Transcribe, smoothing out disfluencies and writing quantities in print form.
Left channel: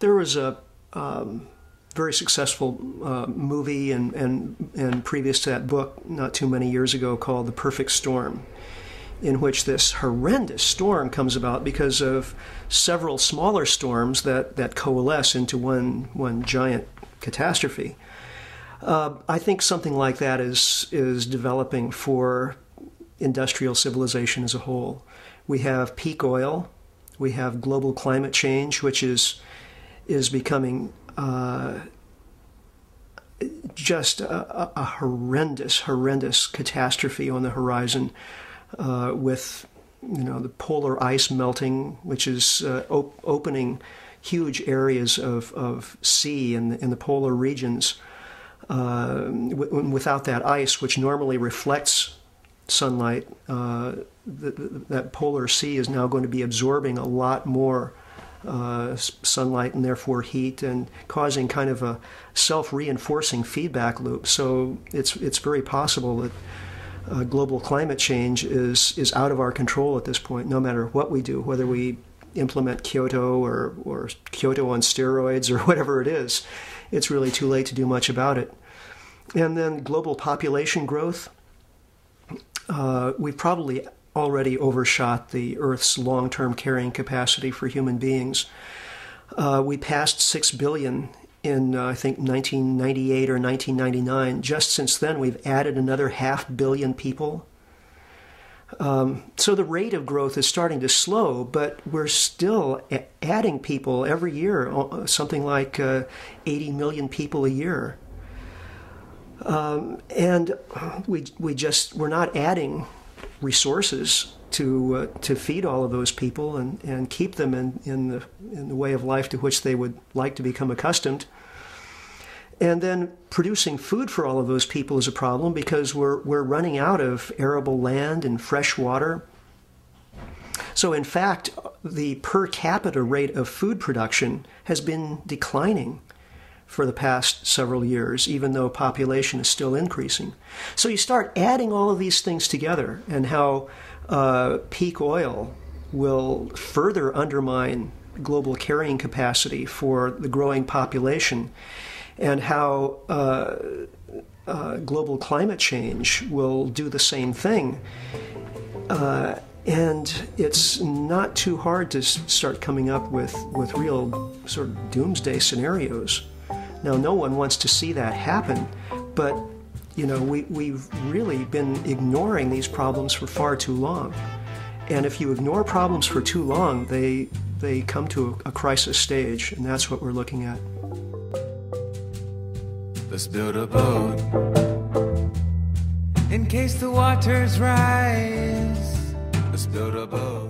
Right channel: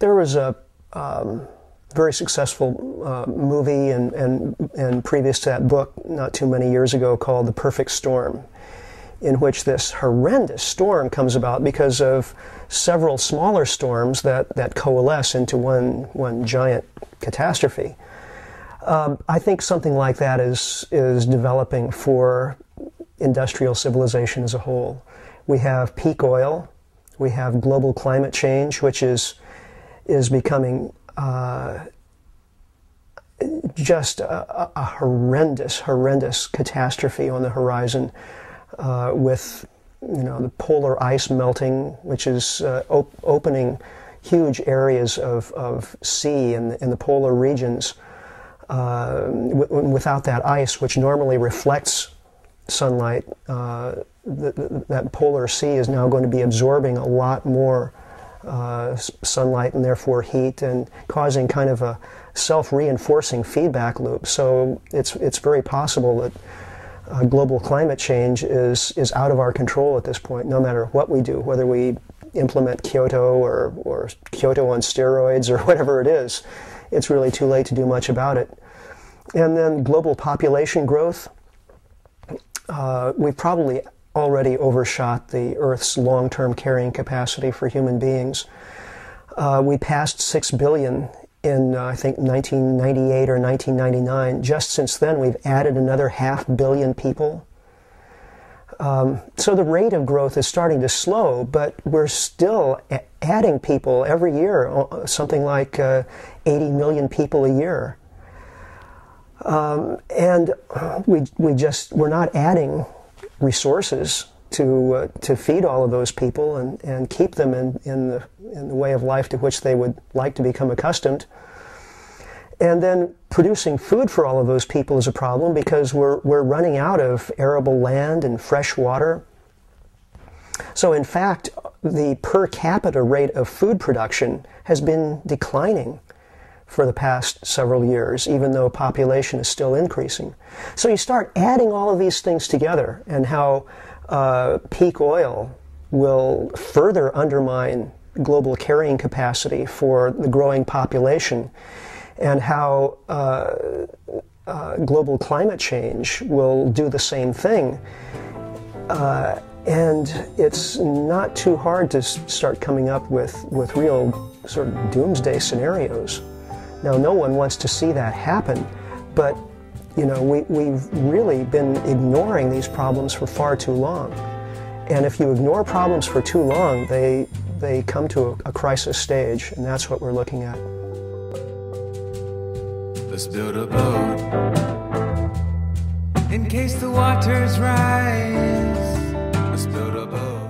There was a very successful movie and previous to that book not too many years ago called The Perfect Storm, in which this horrendous storm comes about because of several smaller storms that coalesce into one giant catastrophe. I think something like that is developing for industrial civilization as a whole. We have peak oil, we have global climate change, which is becoming just a horrendous catastrophe on the horizon, with the polar ice melting, which is opening huge areas of sea in the polar regions. Without that ice, which normally reflects sunlight, that polar sea is now going to be absorbing a lot more sunlight and therefore heat, and causing kind of a self-reinforcing feedback loop. So it's very possible that global climate change is out of our control at this point, no matter what we do, whether we implement Kyoto or Kyoto on steroids or whatever it is. It's really too late to do much about it. And then global population growth. We've probably already overshot the Earth's long-term carrying capacity for human beings. We passed 6 billion in, I think, 1998 or 1999. Just since then, we've added another 500 million people. So the rate of growth is starting to slow, but we're still adding people every year, something like 80 million people a year. And we're not adding resources to feed all of those people and keep them in the way of life to which they would like to become accustomed. And then producing food for all of those people is a problem, because we're running out of arable land and fresh water. So in fact, the per capita rate of food production has been declining for the past several years, even though population is still increasing. So you start adding all of these things together, and how peak oil will further undermine global carrying capacity for the growing population, and how global climate change will do the same thing. And it's not too hard to start coming up with real sort of doomsday scenarios. Now, no one wants to see that happen, but we've really been ignoring these problems for far too long. And if you ignore problems for too long, they come to a crisis stage, and that's what we're looking at. Let's build a boat in case the waters rise. Let's build a boat.